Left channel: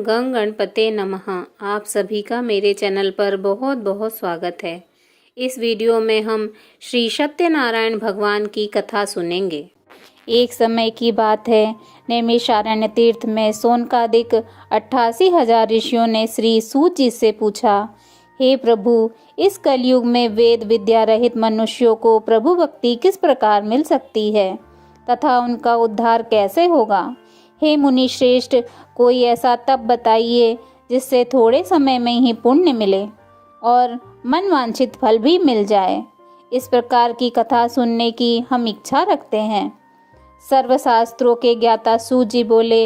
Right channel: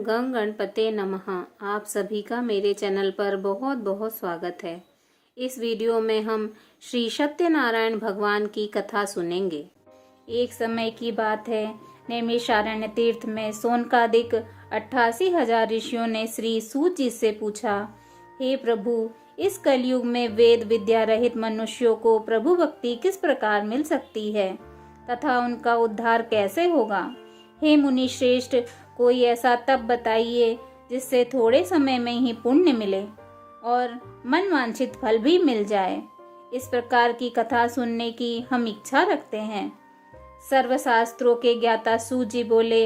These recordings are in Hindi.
गंग गणपते नमः। आप सभी का मेरे चैनल पर बहुत बहुत स्वागत है। इस वीडियो में हम श्री सत्यनारायण भगवान की कथा सुनेंगे। एक समय की बात है, नैमिषारण्य तीर्थ में सोनकादिक 88,000 ऋषियों ने श्री सूत जी से पूछा, हे प्रभु, इस कलयुग में वेद विद्या रहित मनुष्यों को प्रभु भक्ति किस प्रकार मिल सकती है तथा उनका उद्धार कैसे होगा। हे मुनि श्रेष्ठ, कोई ऐसा तप बताइए जिससे थोड़े समय में ही पुण्य मिले और मनवांछित फल भी मिल जाए। इस प्रकार की कथा सुनने की हम इच्छा रखते हैं। सर्वशास्त्रों के ज्ञाता सूत जी बोले,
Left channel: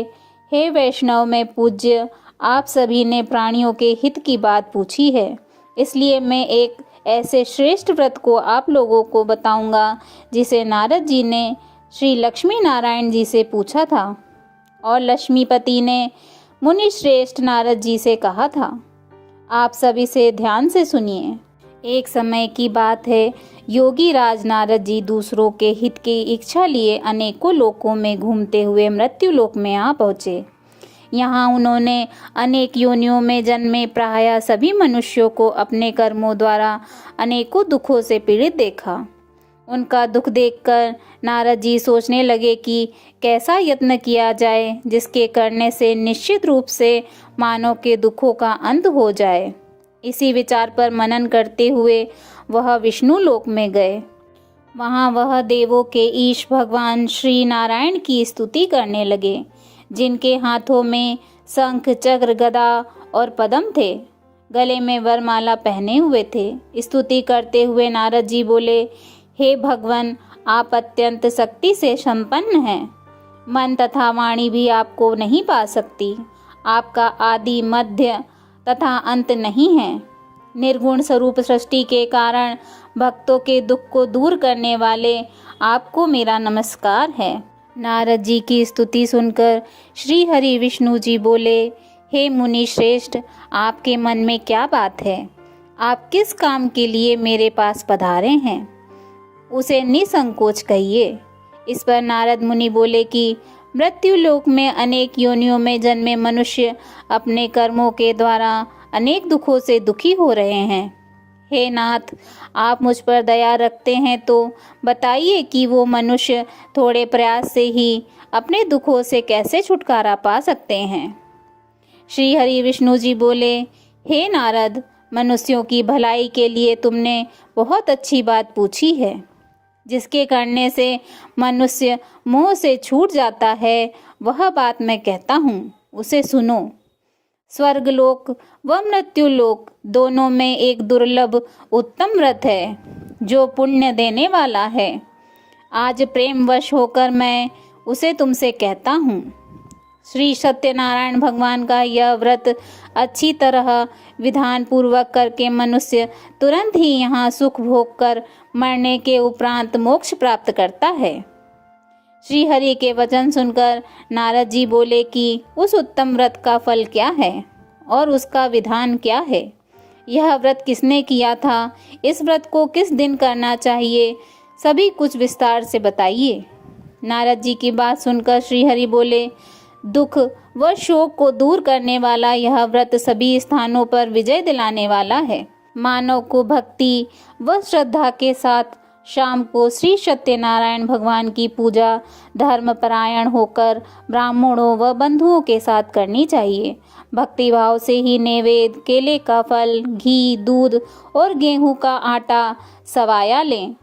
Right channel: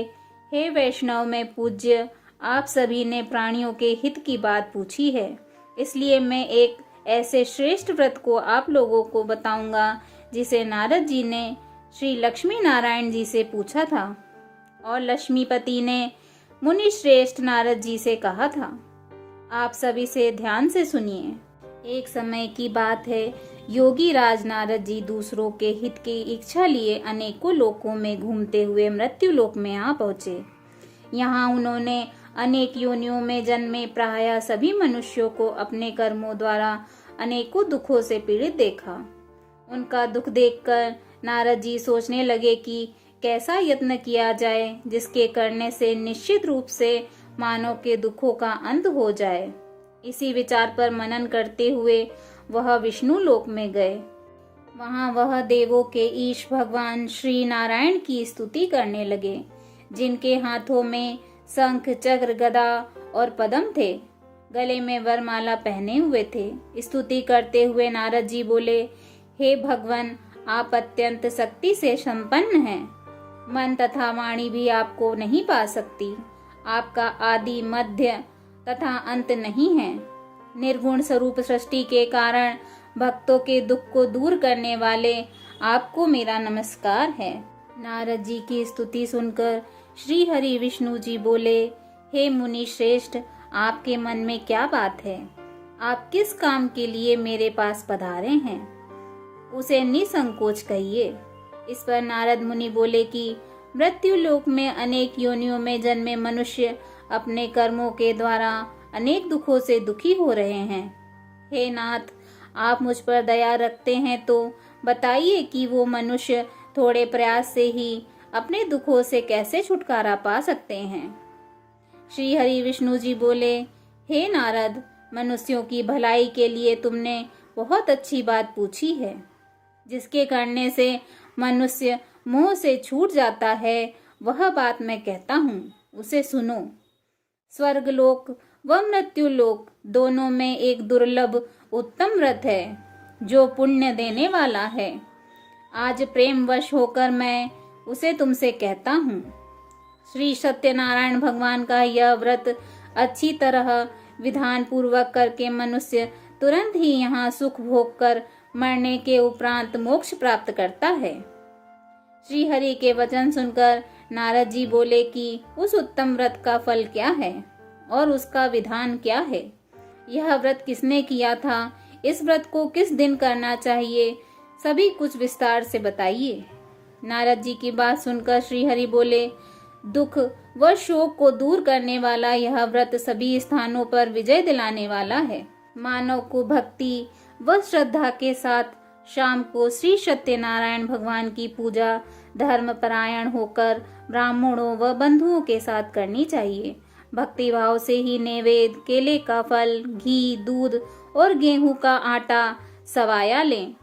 हे वैष्णव में पूज्य, आप सभी ने प्राणियों के हित की बात पूछी है, इसलिए मैं एक ऐसे श्रेष्ठ व्रत को आप लोगों को बताऊंगा जिसे नारद जी ने श्री लक्ष्मी नारायण जी से पूछा था और लक्ष्मीपति ने मुनि श्रेष्ठ नारद जी से कहा था। आप सभी से ध्यान से सुनिए। एक समय की बात है, योगी राज नारद जी दूसरों के हित की इच्छा लिए अनेकों लोकों में घूमते हुए मृत्यु लोक में आ पहुँचे। यहाँ उन्होंने अनेक योनियों में जन्मे प्रायः सभी मनुष्यों को अपने कर्मों द्वारा अनेकों दुखों से पीड़ित देखा। उनका दुख देखकर नारद जी सोचने लगे कि कैसा यत्न किया जाए जिसके करने से निश्चित रूप से मानव के दुखों का अंत हो जाए। इसी विचार पर मनन करते हुए वह विष्णु लोक में गए। वहाँ वह देवों के ईश भगवान श्री नारायण की स्तुति करने लगे, जिनके हाथों में शंख चक्र गदा और पद्म थे, गले में वरमाला पहने हुए थे। स्तुति करते हुए नारद जी बोले, हे भगवान, आप अत्यंत शक्ति से संपन्न हैं। मन तथा वाणी भी आपको नहीं पा सकती। आपका आदि मध्य तथा अंत नहीं है। निर्गुण स्वरूप सृष्टि के कारण भक्तों के दुख को दूर करने वाले आपको मेरा नमस्कार है। नारद जी की स्तुति सुनकर श्री हरि विष्णु जी बोले, हे मुनि श्रेष्ठ, आपके मन में क्या बात है? आप किस काम के लिए मेरे पास पधारे हैं? उसे निसंकोच कहिए। इस पर नारद मुनि बोले कि मृत्यु लोक में अनेक योनियों में जन्मे मनुष्य अपने कर्मों के द्वारा अनेक दुखों से दुखी हो रहे हैं। हे नाथ, आप मुझ पर दया रखते हैं तो बताइए कि वो मनुष्य थोड़े प्रयास से ही अपने दुखों से कैसे छुटकारा पा सकते हैं। श्री हरि विष्णु जी बोले, हे नारद, मनुष्यों की भलाई के लिए तुमने बहुत अच्छी बात पूछी है। जिसके करने से मनुष्य मोह से छूट जाता है, वह बात मैं कहता हूँ, उसे सुनो। स्वर्गलोक व मृत्यु लोक दोनों में एक दुर्लभ उत्तम व्रत है जो पुण्य देने वाला है। आज प्रेमवश होकर मैं उसे तुमसे कहता हूँ। श्री सत्यनारायण भगवान का यह व्रत अच्छी तरह विधान पूर्वक करके मनुष्य तुरंत ही यहाँ सुख भोग कर मरने के उपरांत मोक्ष प्राप्त करता है। श्री हरि के वचन सुनकर नारद जी बोले कि उस उत्तम व्रत का फल क्या है और उसका विधान क्या है? यह व्रत किसने किया था? इस व्रत को किस दिन करना चाहिए? सभी कुछ विस्तार से बताइए। नारद जी की बात सुनकर श्री हरि बोले, दुख व शोक को दूर करने वाला यह व्रत सभी स्थानों पर विजय दिलाने वाला है। मानव को भक्ति व श्रद्धा के साथ शाम को श्री सत्यनारायण भगवान की पूजा धर्मपरायण होकर ब्राह्मणों व बंधुओं के साथ करनी चाहिए। भक्ति भाव से ही नैवेद्य, केले का फल, घी, दूध और गेहूं का आटा सवाया लें।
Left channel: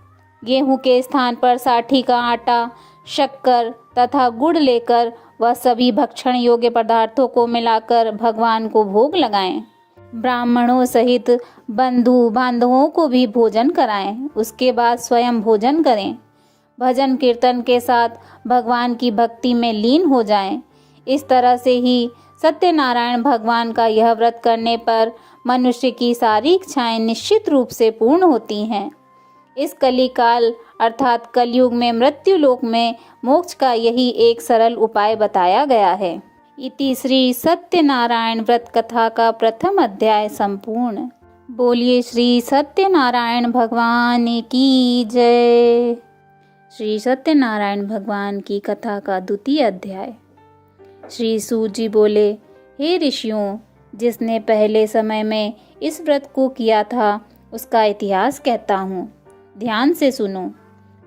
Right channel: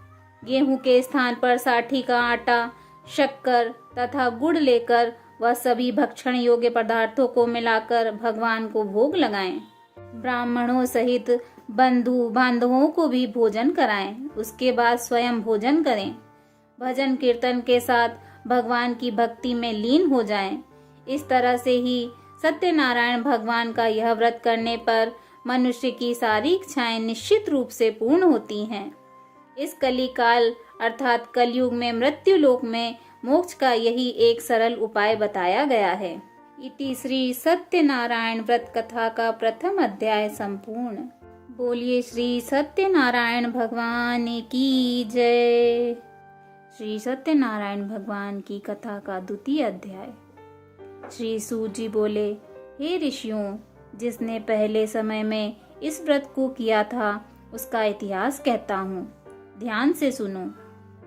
गेहूं के स्थान पर साठी का आटा, शक्कर तथा गुड़ लेकर वह सभी भक्षण योग्य पदार्थों को मिलाकर भगवान को भोग लगाएं। ब्राह्मणों सहित बंधु बांधवों को भी भोजन कराएं। उसके बाद स्वयं भोजन करें। भजन कीर्तन के साथ भगवान की भक्ति में लीन हो जाएं। इस तरह से ही सत्यनारायण भगवान का यह व्रत करने पर मनुष्य की सारी इच्छाएं निश्चित रूप से पूर्ण होती हैं। इस कलिकाल अर्थात कलयुग में मृत्यु लोक में मोक्ष का यही एक सरल उपाय बताया गया है। इति श्री सत्यनारायण व्रत कथा का प्रथम अध्याय संपूर्ण। बोलिए श्री सत्यनारायण भगवान की जय। श्री सत्यनारायण भगवान की कथा का द्वितीय अध्याय। श्री सूत जी बोले, हे ऋषियों, जिसने पहले समय में इस व्रत को किया था उसका इतिहास कहता हूँ, ध्यान से सुनो।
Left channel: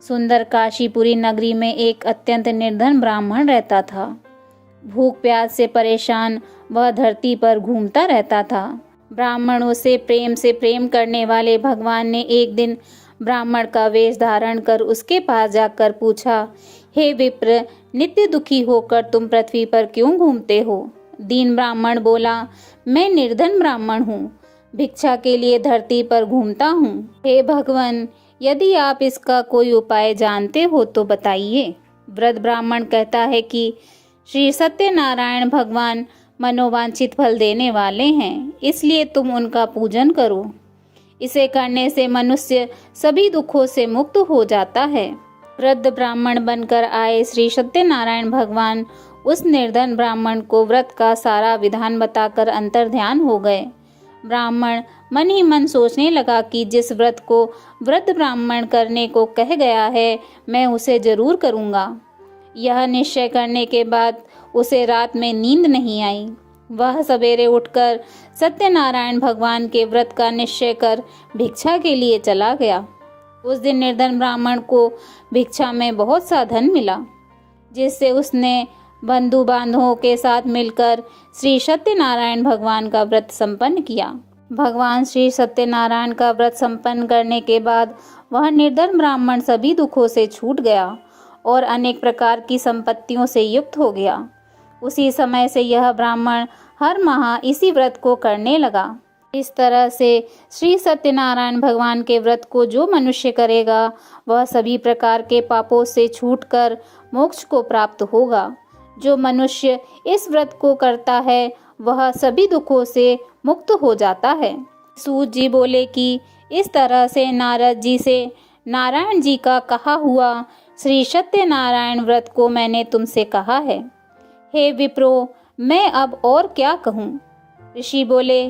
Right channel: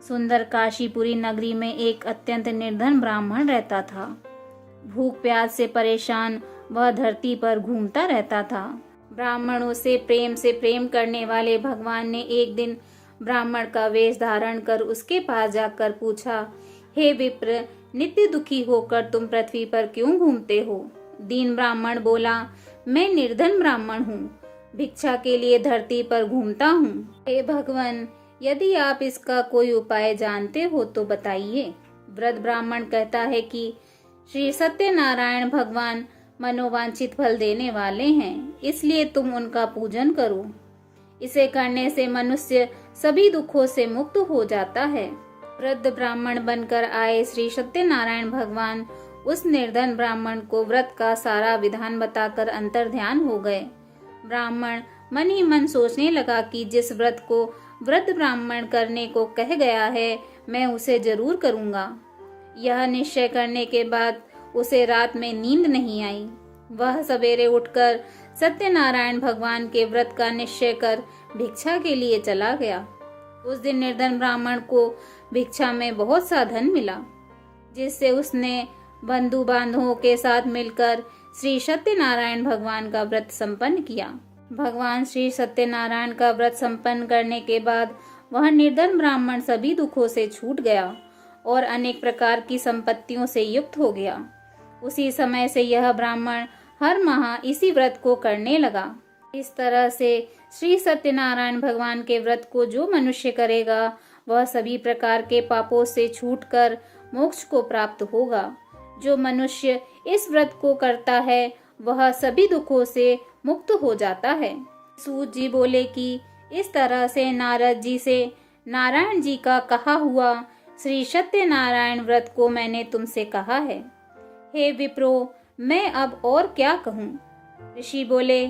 सुंदर काशीपुरी नगरी में एक अत्यंत निर्धन ब्राह्मण रहता था। भूख प्यास से परेशान वह धरती पर घूमता रहता था। ब्राह्मणों से प्रेम करने वाले भगवान ने एक दिन ब्राह्मण का वेश धारण कर उसके पास जाकर पूछा, हे विप्र, नित्य दुखी होकर तुम पृथ्वी पर क्यों घूमते हो? दीन ब्राह्मण बोला, मैं निर्धन ब्राह्मण हूँ, भिक्षा के लिए धरती पर घूमता हूँ। हे भगवान, यदि आप इसका कोई उपाय जानते हो तो बताइए। वृद्ध ब्राह्मण कहता है कि श्री सत्यनारायण भगवान मनोवांछित फल देने वाले हैं, इसलिए तुम उनका पूजन करो। इसे करने से मनुष्य सभी दुखों से मुक्त हो जाता है। वृद्ध ब्राह्मण बनकर आए श्री सत्यनारायण भगवान उस निर्धन ब्राह्मण को व्रत का सारा विधान बताकर अंतर्ध्यान हो गए। ब्राह्मण मन ही मन सोचने लगा कि जिस व्रत को वृद्ध ब्राह्मण करने को कह गया है, मैं उसे जरूर करूंगा। यह निश्चय करने के बाद उसे रात में नींद नहीं आई। वह सवेरे उठकर सत्यनारायण भगवान के व्रत का निश्चय कर भिक्षा के लिए चला गया। उस दिन निर्धन ब्राह्मण को भिक्षा में बहुत सा धन मिला, जिससे उसने बंधु बांधवों के साथ मिलकर श्री सत्यनारायण भगवान का व्रत संपन्न किया। भगवान श्री सत्यनारायण का व्रत संपन्न करने के बाद वह निर्धन ब्राह्मण सभी दुखों से छूट गया और अनेक प्रकार की संपत्तियों से युक्त हो गया। उसी समय से यह ब्राह्मण हर माह इसी व्रत को करने लगा। इस तरह से श्री सत्यनारायण भगवान के व्रत को जो मनुष्य करेगा वह सभी प्रकार के पापों से छूटकर मोक्ष को प्राप्त होगा। जो मनुष्य इस व्रत को करता है वह सभी दुखों से मुक्त हो जाता है। सूत जी बोले कि इस तरह से नारद जी से नारायण जी का कहा हुआ श्री सत्यनारायण व्रत को मैंने तुमसे कहा है। हे विप्रो, मैं अब और क्या कहूँ? ऋषि बोले,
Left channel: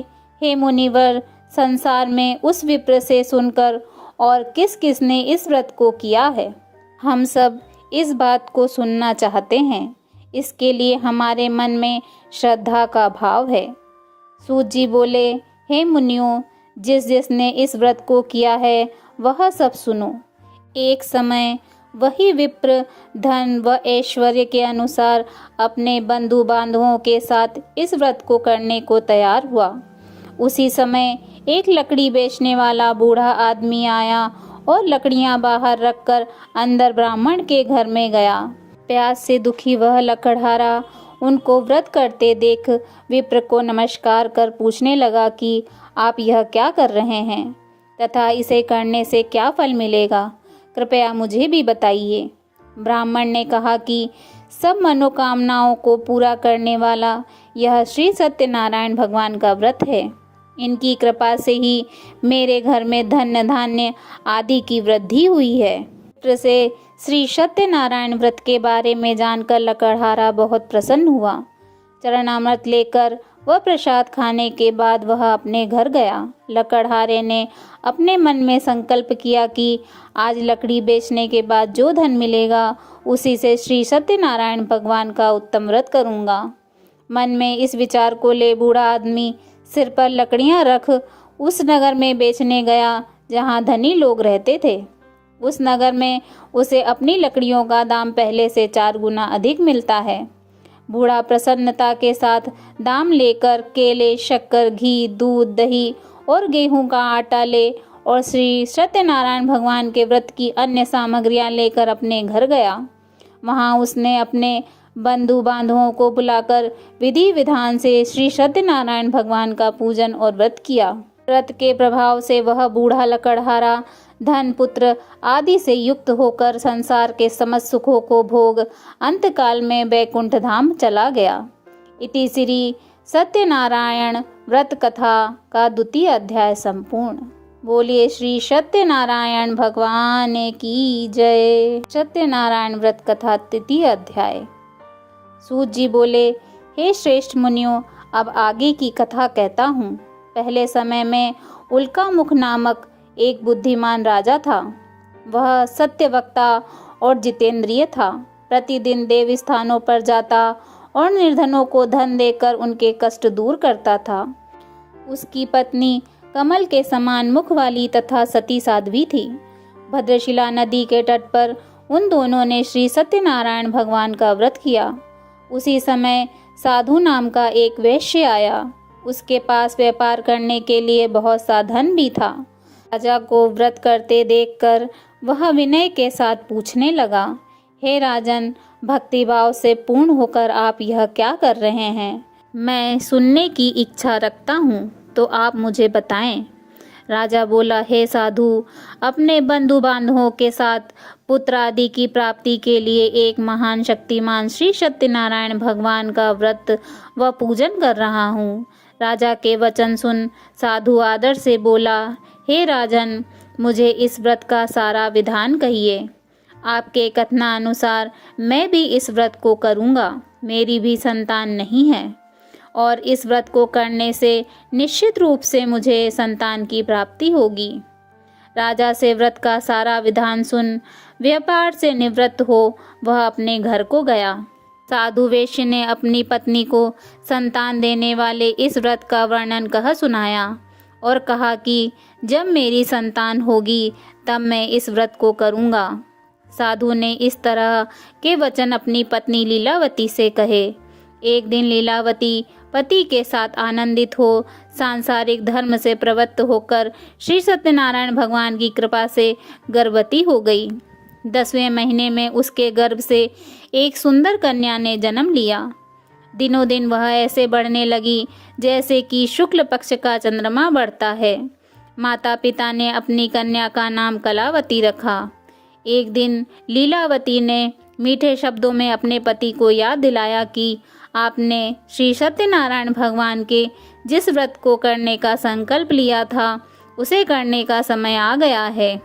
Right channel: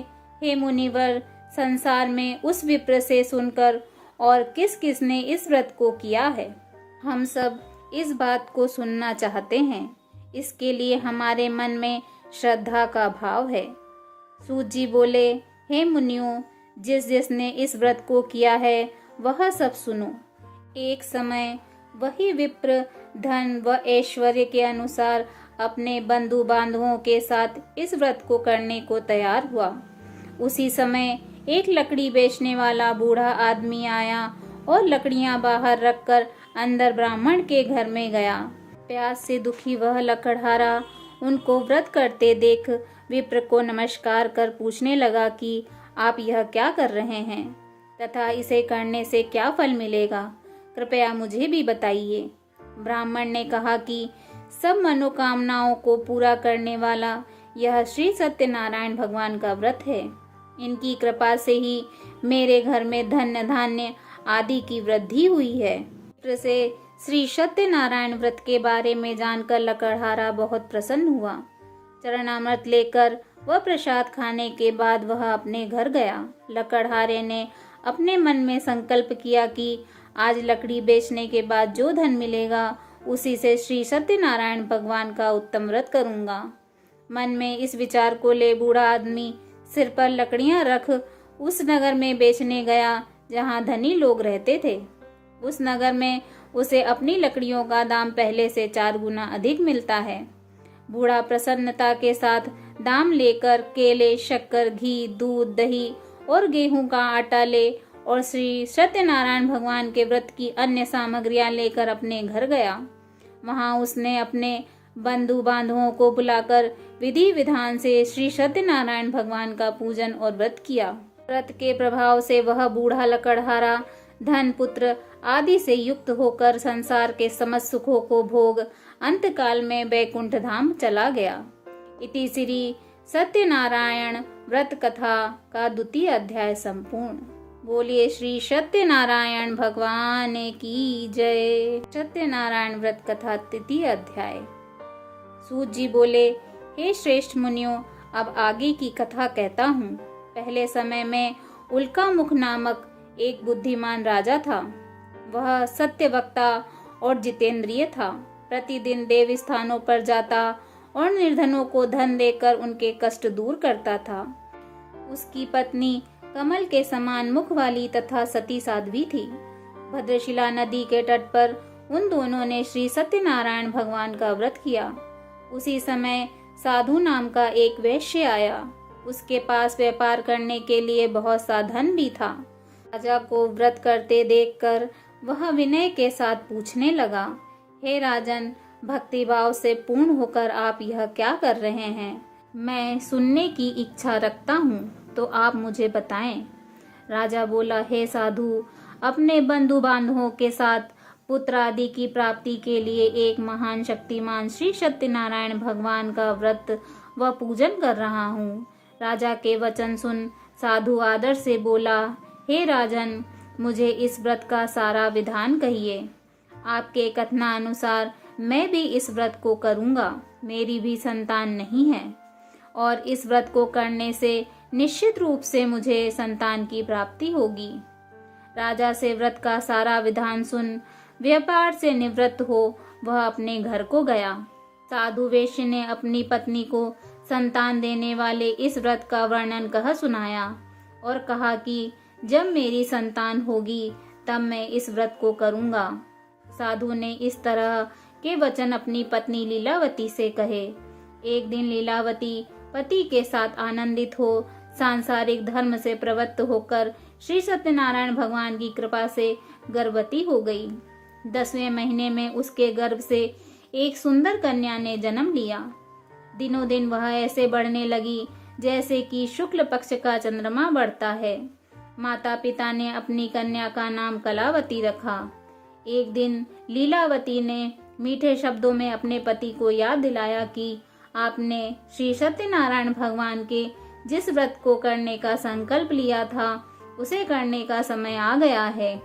हे मुनिवर, संसार में उस विप्र से सुनकर और किस किस ने इस व्रत को किया है, हम सब इस बात को सुनना चाहते हैं। इसके लिए हमारे मन में श्रद्धा का भाव है। सूत जी बोले, हे मुनियों, जिस जिसने इस व्रत को किया है वह सब सुनो। एक समय वही विप्र धन व ऐश्वर्य के अनुसार अपने बंधु बांधवों के साथ इस व्रत को करने को तैयार हुआ। उसी समय एक लकड़ी बेचने वाला बूढ़ा आदमी आया और लकड़ियां बाहर रखकर अंदर ब्राह्मण के घर में गया। प्यास से दुखी वह लकड़हारा उनको व्रत करते देख विप्र को नमस्कार कर पूछने लगा कि आप यह क्या कर रहे हैं तथा इसे करने से क्या फल मिलेगा, कृपया मुझे भी बताइए। ब्राह्मण ने कहा कि सब मनोकामनाओं को पूरा करने वाला यह श्री सत्यनारायण भगवान का व्रत है। इनकी कृपा से ही मेरे घर में धन्य धान्य आदि की वृद्धि हुई है। विप्र से श्री सत्यनारायण व्रत के बारे में जानकर लकड़हारा बहुत प्रसन्न हुआ। चरणामृत लेकर वह प्रसाद खाने के बाद वह अपने घर गया। लकड़हारे ने अपने मन में संकल्प किया कि आज लकड़ी बेचने के बाद जो धन मिलेगा उसी से श्री सत्यनारायण भगवान का उत्तम व्रत करूंगा। मन में इस विचार को ले बूढ़ा आदमी सिर पर लकड़ियां रख उस नगर में बेचने गया जहां धनी लोग रहते थे। उस नगर में उसे अपनी लकड़ियों का दाम पहले से 4 गुना अधिक मिलता है। बूढ़ा प्रसन्नता के साथ दाम लेकर केले, शक्कर, घी, दूध, दही और गेहूं का आटा ले और श्री सत्यनारायण भगवान के व्रत की अन्य सामग्रियां लेकर अपने घर गया। वहां उसने अपने बंधु बांधवों को बुलाकर विधि विधान से श्री सत्यनारायण भगवान का पूजन और व्रत किया। व्रत के प्रभाव से वह बूढ़ा लकड़हारा धन, पुत्र आदि से युक्त होकर संसार के समस्त सुखों को भोग अंतकाल में बैकुंठ धाम चला गया। इति श्री सत्यनारायण व्रत कथा का 2वां अध्याय संपूर्ण। बोलिए श्री सत्यनारायण भगवान की जय। सत्यनारायण व्रत कथा 3वां अध्याय। सूत जी बोले, हे श्रेष्ठ मुनियों, अब आगे की कथा कहता हूँ। पहले समय में उल्कामुख नामक एक बुद्धिमान राजा था। वह सत्यवक्ता और जितेंद्रिय था। प्रतिदिन देव स्थानों पर जाता और निर्धनों को धन देकर उनके कष्ट दूर करता था। उसकी पत्नी कमल के समान मुख वाली तथा सती साध्वी थी। भद्रशिला नदी के तट पर उन दोनों ने श्री सत्यनारायण भगवान का व्रत किया। उसी समय साधु नाम का एक वैश्य आया। उसके पास व्यापार करने के लिए बहुत सा धन भी था। राजा को व्रत करते देखकर वह विनय के साथ पूछने लगा, हे राजन, भक्तिभाव से पूर्ण होकर आप यह क्या कर रहे हैं? मैं सुनने की इच्छा रखता हूँ, तो आप मुझे बताएं। राजा बोला, हे साधु, अपने बंधु बांधवों के साथ पुत्र आदि की प्राप्ति के लिए एक महान शक्तिमान श्री सत्यनारायण भगवान का व्रत व पूजन कर रहा हूँ। राजा के वचन सुन साधु आदर से बोला, हे राजन, मुझे इस व्रत का सारा विधान कहिए। आपके कथनानुसार मैं भी इस व्रत को करूँगा। मेरी भी संतान नहीं है और इस व्रत को करने से निश्चित रूप से मुझे संतान की प्राप्ति होगी। राजा से व्रत का सारा विधान सुन व्यापार से निवृत्त हो वह अपने घर को गया। साधु वैश्य ने अपनी पत्नी को संतान देने वाले इस व्रत का वर्णन कह सुनाया और कहा कि जब मेरी संतान होगी तब मैं इस व्रत को करूँगा। साधु ने इस तरह के वचन अपनी पत्नी लीलावती से कहे। एक दिन लीलावती पति के साथ आनंदित हो सांसारिक धर्म से प्रवृत्त होकर श्री सत्यनारायण भगवान की कृपा से गर्भवती हो गई। 10वें महीने में उसके गर्भ से एक सुंदर कन्या ने जन्म लिया। दिनों दिन वह ऐसे बढ़ने लगी जैसे कि शुक्ल पक्ष का चंद्रमा बढ़ता है। माता पिता ने अपनी कन्या का नाम कलावती रखा। एक दिन लीलावती ने मीठे शब्दों में अपने पति को याद दिलाया कि आपने श्री सत्यनारायण भगवान के जिस व्रत को करने का संकल्प लिया था उसे करने का समय आ गया है।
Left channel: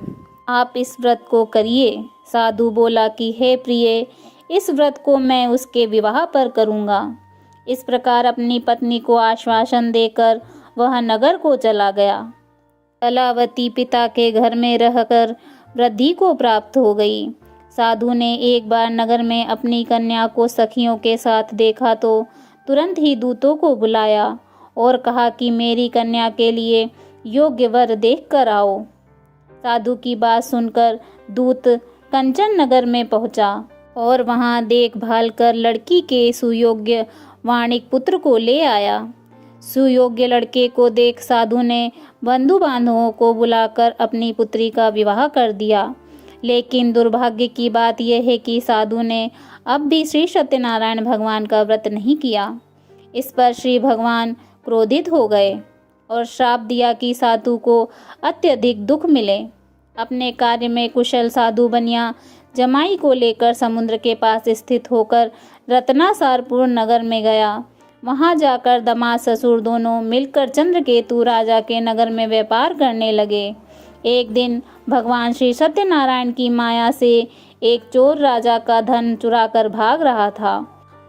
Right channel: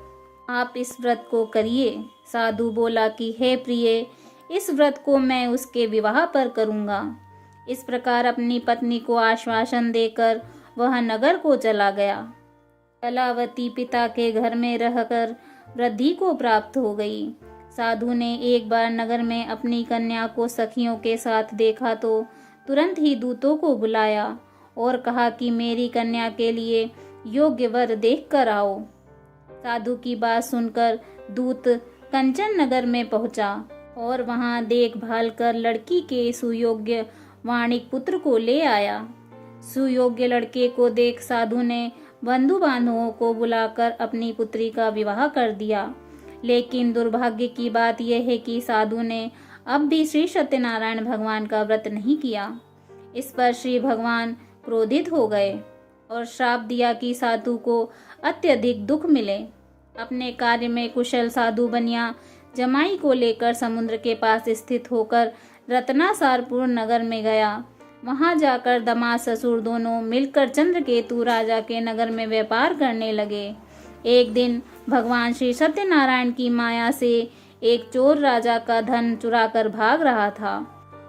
आप इस व्रत को करिए। साधु बोला कि हे प्रिय, इस व्रत को मैं उसके विवाह पर करूँगा। इस प्रकार अपनी पत्नी को आश्वासन देकर वह नगर को चला गया। कलावती पिता के घर में रहकर वृद्धि को प्राप्त हो गई। साधु ने एक बार नगर में अपनी कन्या को सखियों के साथ देखा तो तुरंत ही दूतों को बुलाया और कहा कि मेरी कन्या के लिए योग्य वर देख कर आओ। साधु की बात सुनकर दूत कंचन नगर में पहुंचा और वहां देखभाल कर लड़की के सुयोग्य वाणिक पुत्र को ले आया। सुयोग्य लड़के को देख साधु ने बंधु बांधवों को बुलाकर अपनी पुत्री का विवाह कर दिया। लेकिन दुर्भाग्य की बात यह है कि साधु ने अब भी श्री सत्यनारायण भगवान का व्रत नहीं किया। इस पर श्री भगवान क्रोधित हो गए और श्राप दिया कि साधु को अत्यधिक दुख मिले। अपने कार्य में कुशल साधु बनिया जमाई को लेकर समुद्र के पास स्थित होकर रत्नासारपुर नगर में गया। वहां जाकर दामाद ससुर दोनों मिलकर चंद्रकेतु राजा के नगर में व्यापार करने लगे। एक दिन भगवान श्री सत्यनारायण की माया से एक चोर राजा का धन चुराकर भाग रहा था।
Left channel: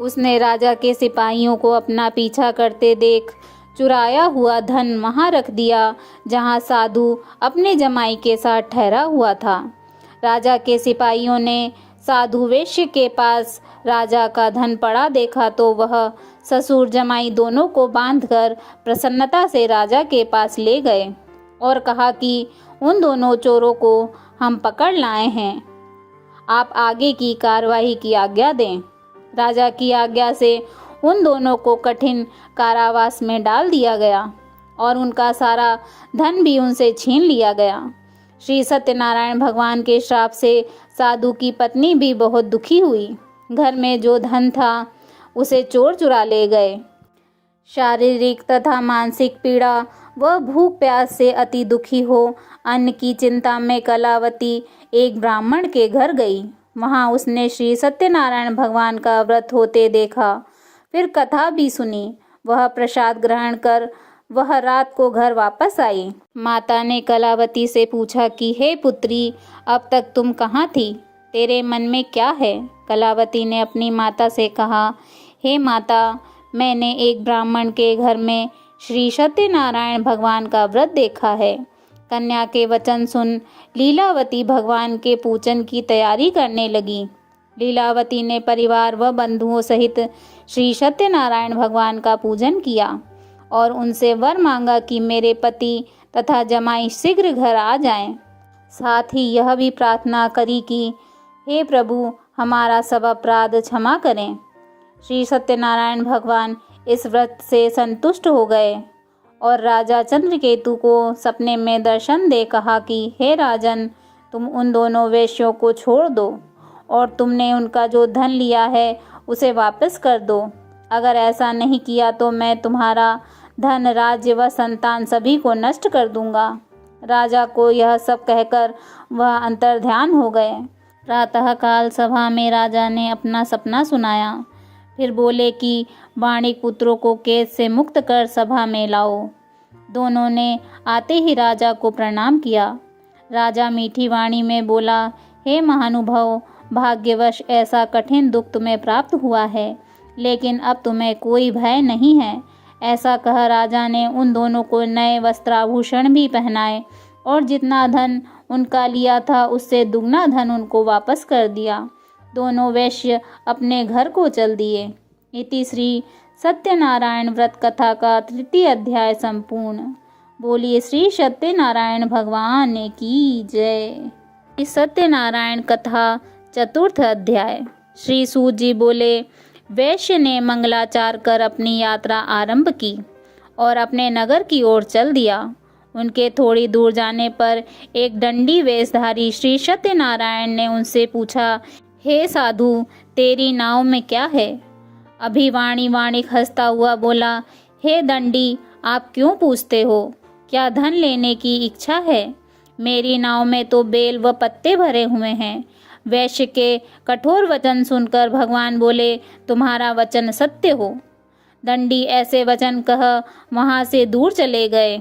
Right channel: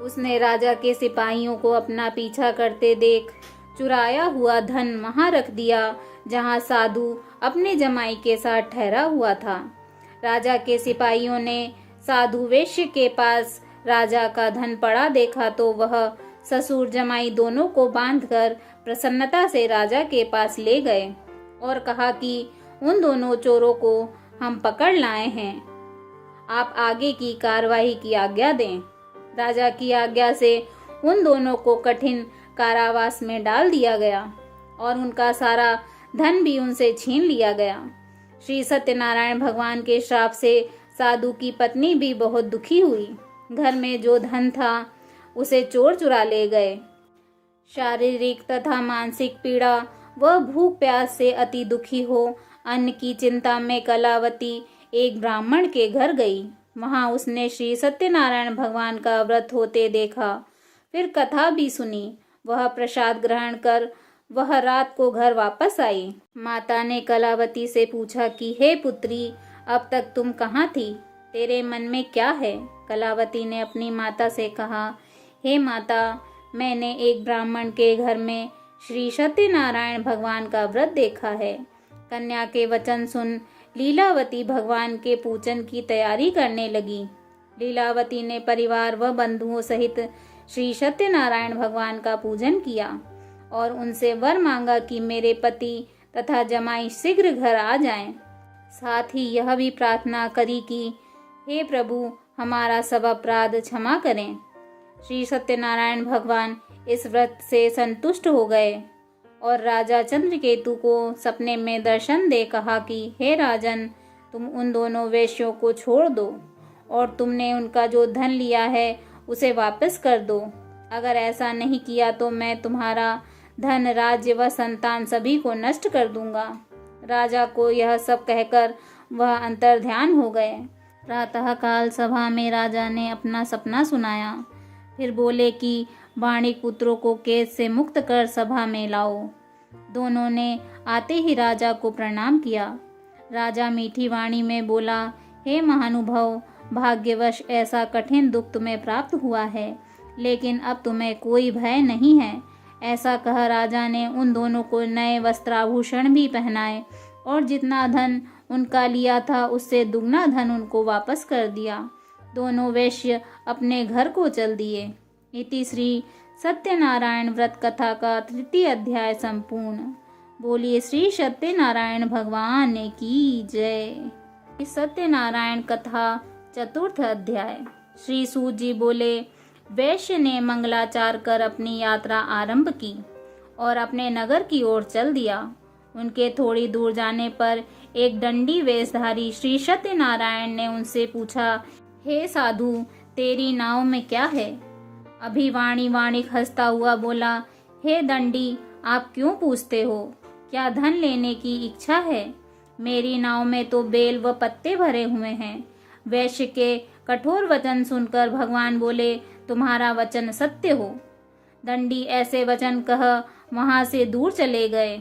उसने राजा के सिपाहियों को अपना पीछा करते देख चुराया हुआ धन वहां रख दिया जहां साधु अपने जमाई के साथ ठहरा हुआ था। राजा के सिपाहियों ने साधु वैश्य के पास राजा का धन पड़ा देखा तो वह ससुर जमाई दोनों को बांधकर प्रसन्नता से राजा के पास ले गए और कहा कि उन दोनों चोरों को हम पकड़ लाए हैं, आप आगे की कार्रवाई की आज्ञा दें। राजा की आज्ञा से उन दोनों को कठिन कारावास में डाल दिया गया और उनका सारा धन भी उनसे छीन लिया गया। श्री सत्यनारायण भगवान के श्राप से साधु की पत्नी भी बहुत दुखी हुई। घर में जो धन था उसे चोर चुरा ले गए। शारीरिक तथा मानसिक पीड़ा व भूख प्यास से अति दुखी हो अन्न की चिंता में कलावती एक ब्राह्मण के घर गई। वहां उसने श्री सत्यनारायण भगवान का व्रत होते देखा, फिर कथा भी सुनी। वह प्रसाद ग्रहण कर वह रात को घर वापस आई। माता ने कलावती से पूछा कि हे पुत्री, अब तक तुम कहाँ थी? तेरे मन में क्या है? कलावती ने अपनी माता से कहा, हे माता, मैंने एक ब्राह्मण के घर में श्री सत्यनारायण भगवान का व्रत देखा है। कन्या के वचन सुन लीलावती भगवान के पूजन की तैयारी करने लगी। लीलावती ने परिवार व बंधुओं सहित श्री सत्यनारायण भगवान का पूजन किया और उनसे वर मांगा कि मेरे पति तथा जमाई शीघ्र घर आ जाएं। साथ ही यह भी प्रार्थना करी कि हे प्रभु, हमारा सब अपराध क्षमा करें। श्री सत्यनारायण भगवान इस व्रत से संतुष्ट हो गए और राजा चंद्रकेतु को सपने में दर्शन दे कहा कि हे राजन, तुम उन दोनों वेश्यों को छोड़ दो और तुमने उनका जो धन लिया है उसे वापस कर दो। अगर ऐसा नहीं किया तो मैं तुम्हारा धन, राज्य व संतान सभी को नष्ट कर दूंगा। राजा को यह सब कहकर वह अंतर्ध्यान हो गए। प्रातःकाल सभा में राजा ने अपना सपना सुनाया। फिर बोले कि वाणिक पुत्रों को कैद से मुक्त कर सभा में लाओ। दोनों ने आते ही राजा को प्रणाम किया। राजा मीठी वाणी में बोला, हे महानुभाव, भाग्यवश ऐसा कठिन दुख तुम्हें प्राप्त हुआ है, लेकिन अब तुम्हें कोई भय नहीं है। ऐसा कह राजा ने उन दोनों को नए वस्त्राभूषण भी पहनाए और जितना धन उनका लिया था उससे दुगना धन उनको वापस कर दिया। दोनों वैश्य अपने घर को चल दिए। इति श्री सत्यनारायण व्रत कथा का 3य अध्याय संपूर्ण। बोलिए श्री सत्यनारायण भगवान की जय। सत्यनारायण कथा 4th अध्याय। श्री सूत जी बोले, वैश्य ने मंगलाचार कर अपनी यात्रा आरंभ की और अपने नगर की ओर चल दिया। उनके थोड़ी दूर जाने पर एक दंडी वेशधारी श्री सत्यनारायण ने उनसे पूछा, हे साधु, तेरी नाव में क्या है? अभिवाणी वाणिक हंसता हुआ बोला, हे दंडी, आप क्यों पूछते हो? क्या धन लेने की इच्छा है? मेरी नाव में तो बेल व पत्ते भरे हुए हैं। वैश्य के कठोर वचन सुनकर भगवान बोले, तुम्हारा वचन सत्य हो। दंडी ऐसे वचन कह वहां से दूर चले गए।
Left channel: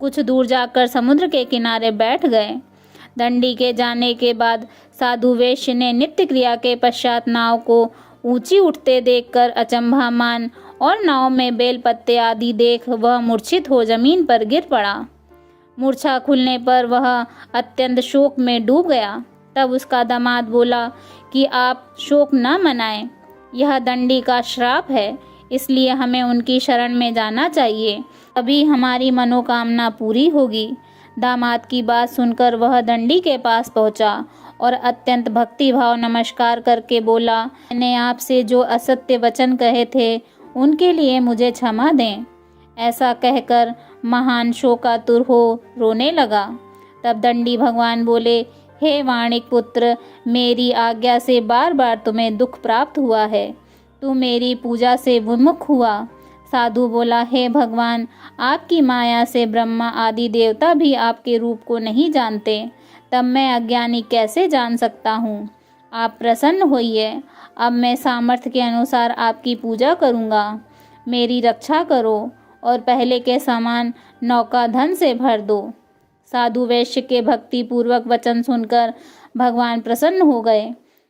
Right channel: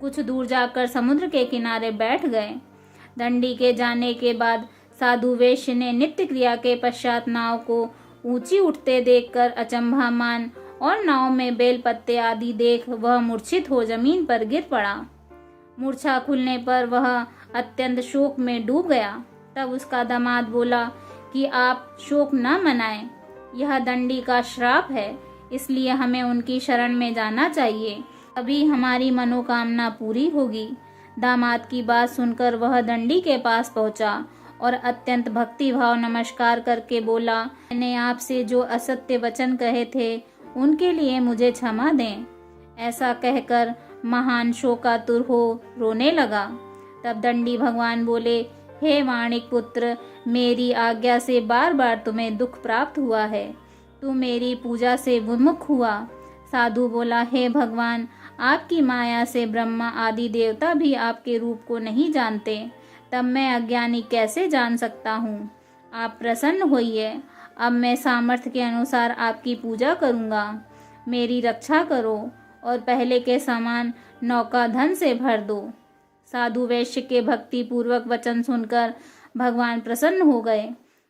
कुछ दूर जाकर समुद्र के किनारे बैठ गए। दंडी के जाने के बाद साधु वैश्य ने नित्य क्रिया के पश्चात नाव को ऊंची उठते देखकर अचंभा मान और नाव में बेल पत्ते आदि देख वह मूर्छित हो जमीन पर गिर पड़ा। मूर्छा खुलने पर वह अत्यंत शोक में डूब गया। तब उसका दामाद बोला कि आप शोक न मनाएं, यह दंडी का श्राप है, इसलिए हमें उनकी शरण में जाना चाहिए, अभी हमारी मनोकामना पूरी होगी। दामाद की बात सुनकर वह दंडी के पास पहुंचा और अत्यंत भक्तिभाव नमस्कार करके बोला, मैंने आपसे जो असत्य वचन कहे थे उनके लिए मुझे क्षमा दें। ऐसा कहकर महान शोकातुर हो रोने लगा। तब दंडी भगवान बोले, हे वाणिक पुत्र, मेरी आज्ञा से बार बार तुम्हें दुख प्राप्त हुआ है। तू मेरी पूजा से विमुख हुआ। साधु बोला, हे भगवान, आपकी माया से ब्रह्मा आदि देवता भी आपके रूप को नहीं जानते, तब मैं अज्ञानी कैसे जान सकता हूँ? आप प्रसन्न होइए। अब मैं सामर्थ्य के अनुसार आपकी पूजा करूँगा। मेरी रक्षा करो और पहले के समान नौका धन से भर दो। साधु वैश्य के भक्ति पूर्वक वचन सुनकर भगवान प्रसन्न हो गए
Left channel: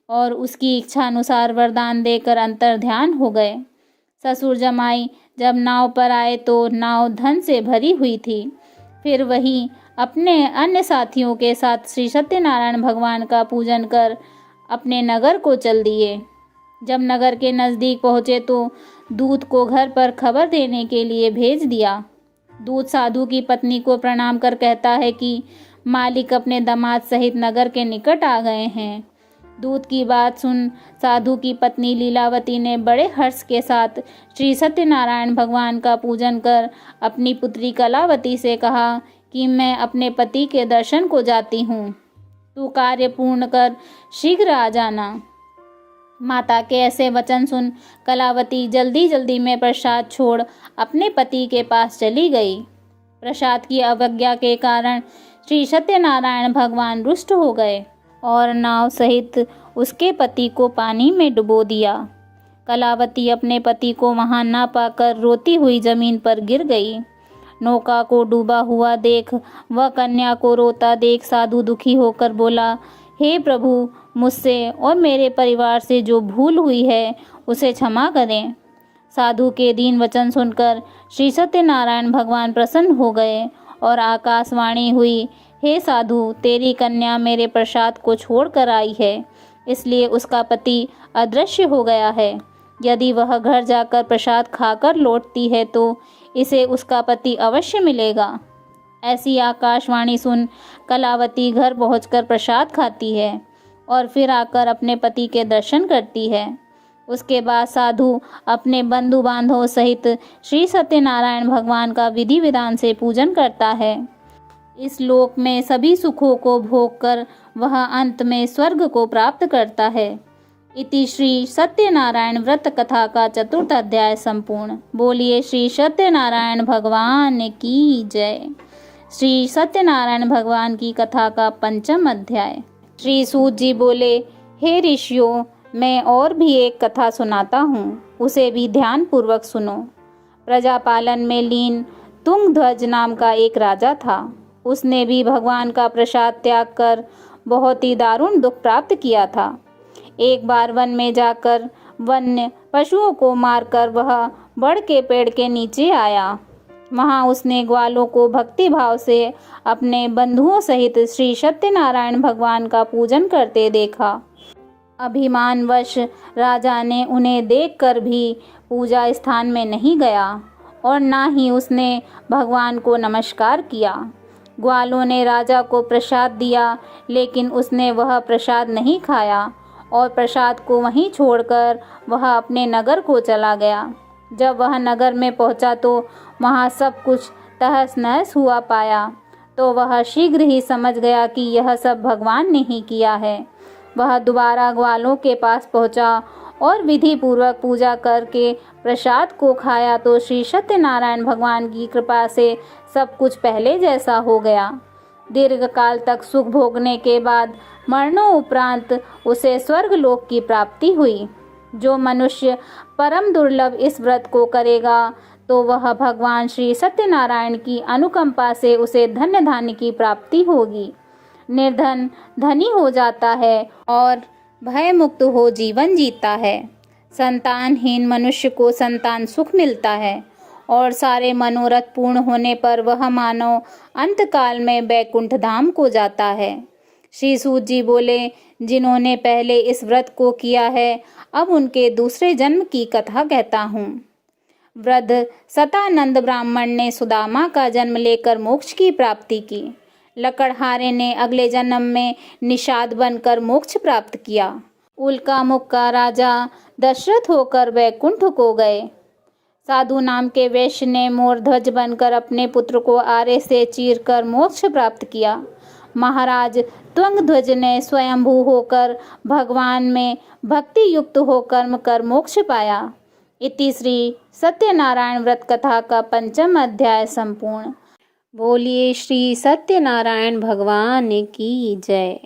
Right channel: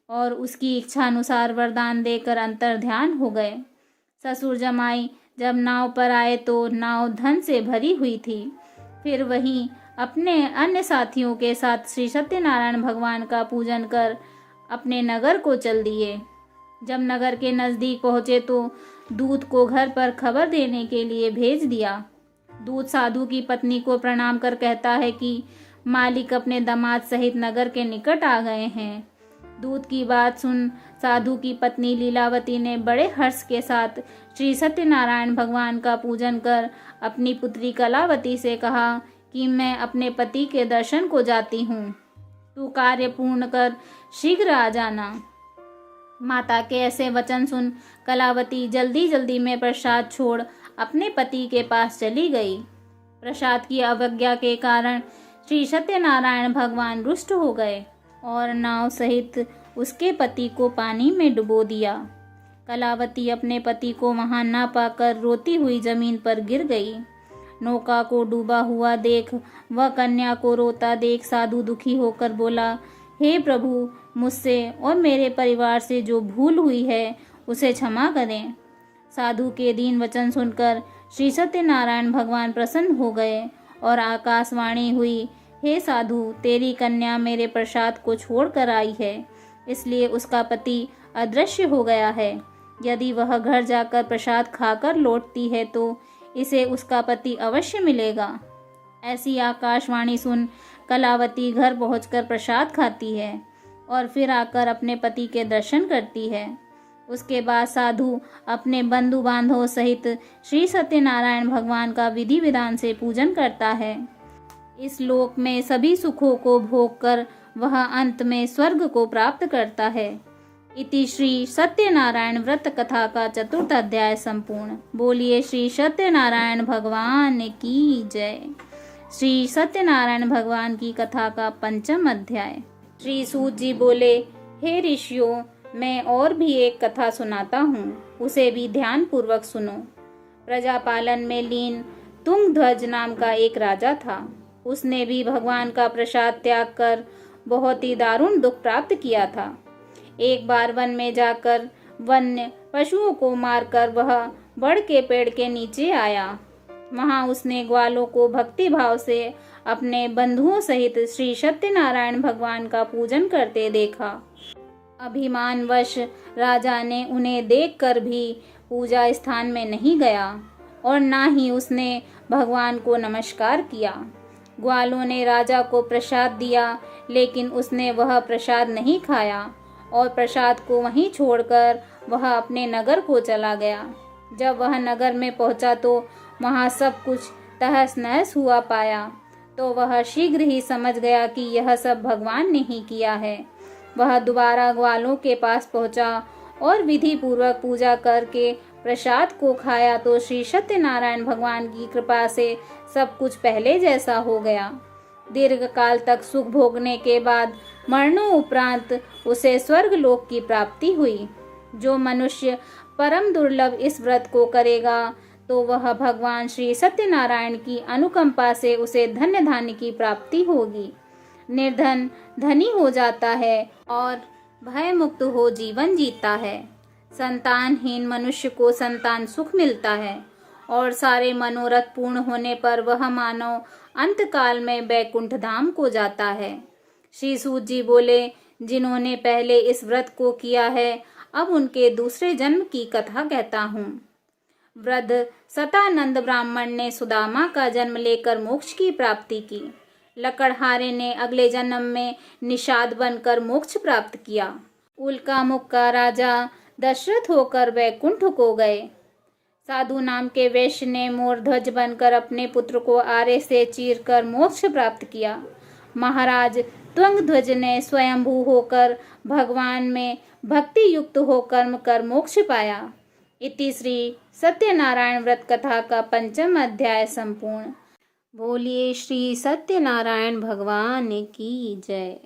और उसकी इच्छा अनुसार वरदान देकर अंतर्ध्यान हो गए। ससुर जमाई जब नाव पर आए तो नाव धन से भरी हुई थी। फिर वही अपने अन्य साथियों के साथ श्री सत्यनारायण भगवान का पूजन कर अपने नगर को चल दिए। जब नगर के नज़दीक पहुँचे तो दूत को घर पर खबर देने के लिए भेज दिया। दूत साधु की पत्नी को प्रणाम कर कहता है कि मालिक अपने दामाद सहित नगर के निकट आ गए हैं। दूत की बात सुन साधु की पत्नी लीलावती ने बड़े हर्ष के साथ श्री सत्यनारायण भगवान का पूजन कर अपनी पुत्री कलावती से कहा कि मैं अपने पति के दर्शन को जाती हूँ, तू कार्य पूर्ण कर शीघ्र आ जाना। माता के ऐसे वचन सुन कलावती जल्दी जल्दी में प्रसाद छोड़ अपने पति के पास चली गई। प्रसाद की अवज्ञा के कारण श्री सत्यनारायण भगवान रुष्ट हो गए और नाव सहित उसके पति को पानी में डुबो दिया। कलावती अपने पति को वहां ना पाकर रोती हुई जमीन पर गिर गई। नौका को डूबा हुआ देख वह कन्या को रोता देख साधु दुखी होकर बोला, हे प्रभु, मुझसे और मेरे परिवार से जो भूल हुई है उसे क्षमा करें। साधु के दीन वचन सुनकर श्री सत्यनारायण भगवान प्रसन्न हो गए और आकाशवाणी हुई, हे साधु, तेरी कन्या मेरे प्रसाद को छोड़ कर आई है, इसलिए उसका पति अदृश्य हो गया है। यदि वह घर जाकर प्रसाद खाकर लौटती है तो इसे उसका पति अवश्य मिलेगा। ऐसी आकाशवाणी सुन कलावती घर पहुंचकर प्रसाद खाती है और फिर आकर अपने पति के दर्शन करती है। उसके बाद साधु अपने बंधु बांधवों सहित श्री सत्यनारायण भगवान का विधि विधान से पूजन करता है। इस लोक में सभी सुखों को भोग कर वह अंत में स्वर्ग को प्राप्त करता है। इति श्री सत्यनारायण व्रत कथा का चतुर्थ अध्याय संपूर्ण। बोलिए श्री सत्यनारायण भगवान की जय। श्री सत्यनारायण भगवान की कथा का पंचम अध्याय। श्री सूत जी बोले, हे ऋषियों, मैं और भी एक कथा सुनाता हूँ, उसे भी ध्यान पूर्वक सुनो। प्रजापालन में लीन तुंगध्वज नाम का एक राजा था। उसने भी भगवान का प्रसाद त्याग कर बहुत ही दारुण दुख प्राप्त किया था। एक बार वन में जाकर वन्य पशुओं को मारकर वह बड़ के पेड़ के नीचे आया। वहां उसने ग्वालों को भक्ति भाव से अपने बंधुओं सहित श्री सत्यनारायण भगवान का पूजन करते देखा। अभिमानवश राजा ने उन्हें देखकर भी पूजा स्थान में नहीं गया और ना ही उसने भगवान को नमस्कार किया। ग्वालों ने राजा को प्रसाद दिया, लेकिन उसने वह प्रसाद नहीं खाया और प्रसाद को वहीं छोड़कर वह अपने नगर को चला गया। जब वह नगर में पहुंचा तो वहां सब कुछ तहस नहस हुआ पाया, तो वह शीघ्र ही समझ गया कि यह सब भगवान ने ही किया है। वह दोबारा ग्वालों के पास पहुंचा और विधि पूर्वक पूजा करके प्रसाद को खाया तो श्री सत्यनारायण भगवान की कृपा से सब कुछ पहले जैसा हो गया। दीर्घ काल तक सुख भोगने के बाद मरणों उपरांत उसे स्वर्ग लोक की प्राप्ति हुई। जो मनुष्य परम दुर्लभ इस व्रत को करेगा तो वह भगवान श्री सत्यनारायण की अनुकंपा से उसे धन्य धान्य की प्राप्ति होगी। निर्धन धनी हो जाता है और भय मुक्त हो जीवन जीता है। संतानहीन मनुष्य को संतान सुख मिलता है और सारे मनोरथ पूर्ण होने पर वह मानव अंतकाल में वैकुंठ धाम को जाता है। श्री सूत जी बोले, जिन्होंने पहले इस व्रत को किया है, अब उनके दूसरे जन्म की कथा कहता हूँ। वृद्ध सतानंद ब्राह्मण ने सुदामा का जन्म लेकर मोक्ष की प्राप्ति की। लकड़हारे ने अगले जन्म में निषाद बनकर मोक्ष प्राप्त किया। उल्कामुख का राजा दशरथ होकर वैकुंठ को गए। साधु नाम के वैश्य ने मोरध्वज बनकर अपने पुत्र को आरे से चीरकर मोक्ष प्राप्त किया। महाराज तुंगध्वज ने स्वयंभू होकर भगवान में भक्ति युक्त हो कर्म कर मोक्ष पाया। इति श्री सत्यनारायण व्रत कथा का पंचम अध्याय संपूर्ण। बोलिए श्री सत्यनारायण भगवान की जय।